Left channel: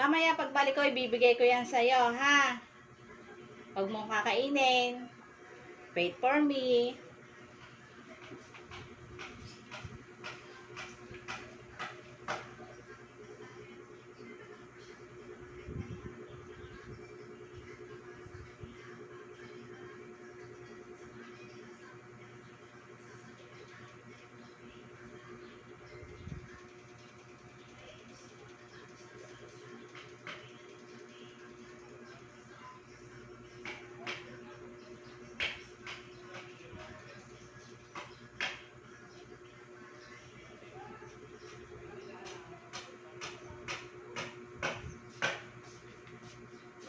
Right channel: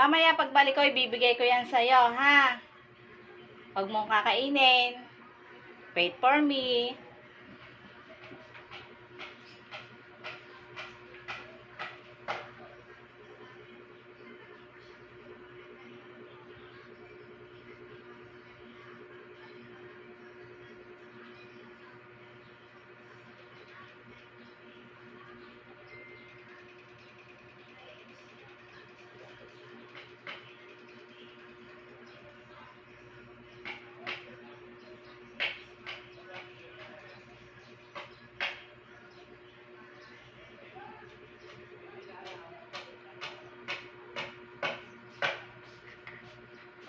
Mamaya pagbalik ko, ibibigay ko yan sa'yo, ha? Huwag mong kakainin. Wait for me.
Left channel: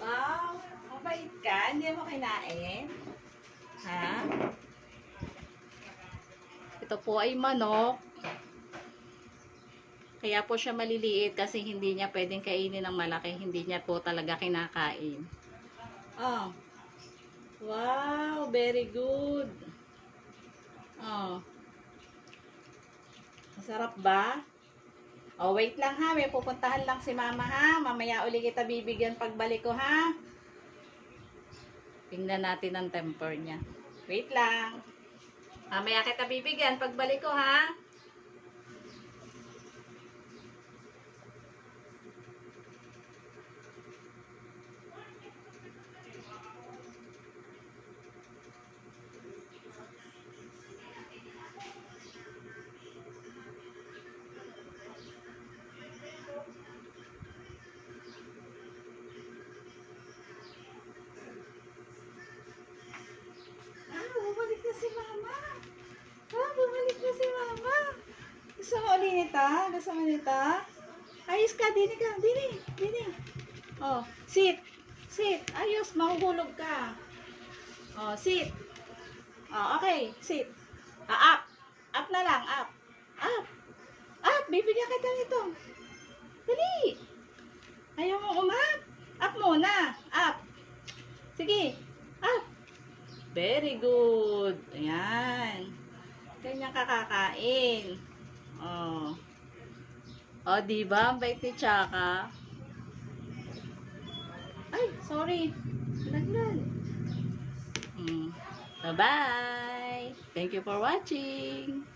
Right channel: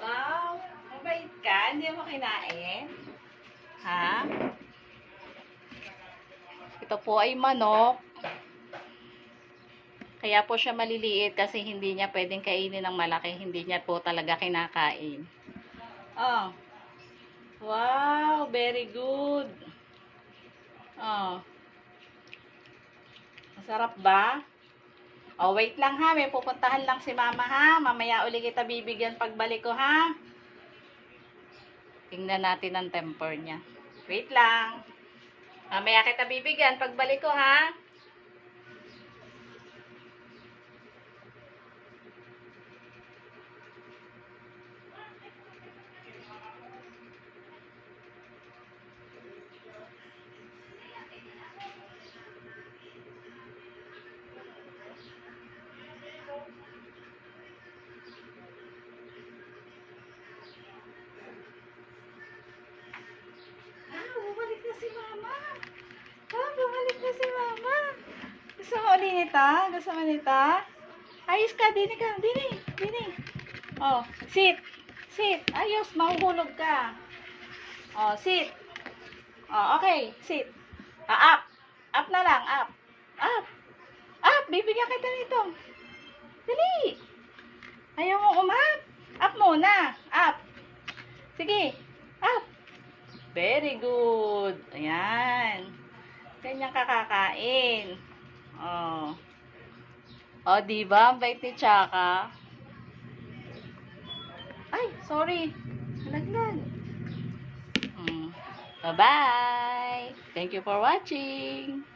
Wow, mabait ka. Hindi mo kinain. Ha? Ito po ay manok. Kaya po siya maliliit kasi hindi niya pwedeng kainin ng malaki. Hindi niya po talaga kinakain. Oh. Wow, very good. Oh. Masarap ba? Oh, wait lang ha. May pupuntahan lang si mama ha. Mamaya uli kita bibigyan pagbalik ko ha. Tingnan natin ang temper niya. Wait lang. Mamaya kita bibigyan pagbalik ko ha. Bumalik na si mama. Bumalik na si mama. Gusto mo ulit nito? Gusto mo nito? Ayos ka, dini ka. Dini. Oh, sit. Sit. Ayos, mahuhulog ka. Oh, sit. Oh, okay. Sit. Up. Up na lang, up. Up. Up, bibigyan kita nito. Dali. Ayaw mo umap. Up muna. Up. Sige. Up. Very good. Ayan. Ganyan kakakain. Oh. Oh, diba? Ang bait ni Chaka. Ay, sorry. Nalaglag. Bye-bye. Thank you for watching.